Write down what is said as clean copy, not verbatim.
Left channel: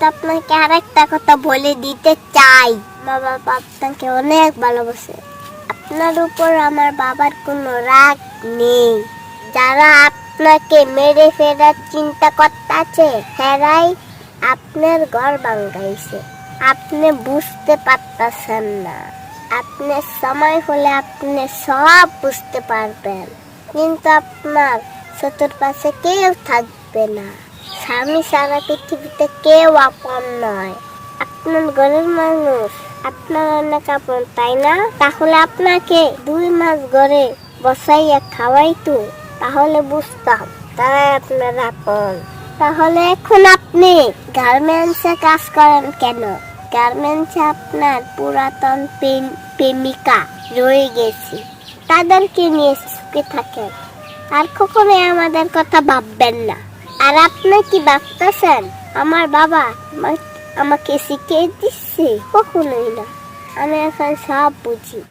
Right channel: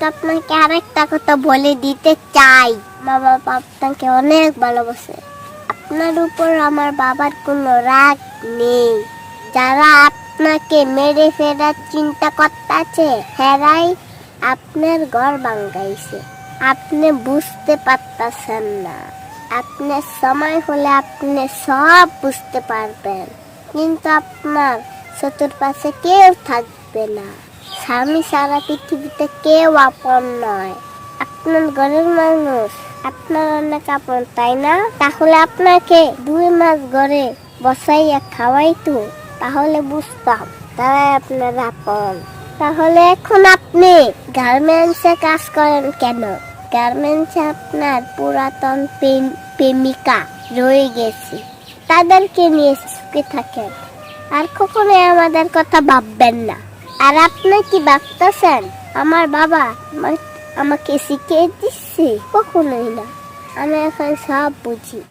কিন্তু আপনাকে আরেকটা কথা বলে দিতে চাই, বাবা আপনাকে অনেক ভালোবাসে। আপনার উপর আমার বাবার কোনো রাগ নেই। যারা আপনাকে মেরে ফেরার চিন্তা করতেছে হেরাই আপনার ঘর ভাঙাইছে। আপনি বুঝতে পারতেছেন না। আপনার সময় হলে আপনি সব বুঝতে পারবেন, কিন্তু আপনার চতুর্পাশে কেউ থাকবে না। স্বামী সারা পৃথিবীতে কেউ আপন নয়। আপনার ঘরের মানুষ আপনার অনেক আপন, তাই না? তাহলে আপনাকে 2 মাস ঘরে বসাইয়া খাওয়াইতো, তাহলে বুঝতাম তারাই আপনার আপন। তাহলে এখন আপনি গার্মেন্টসে কাজ করেন কেন? গার্মেন্টসে আপনার পুরাতন প্রেমিকা রয়ে গেছে, তাদেরকে নিয়ে সুখে থাকেন। আর কখনোই আমাদের কথা ভাববেন না। আর আপনি কি ভাবতেছেন আমার বাবা আমাকে শিখিয়ে দিচ্ছে? কখনোই না। আমি এখন সব বুঝি।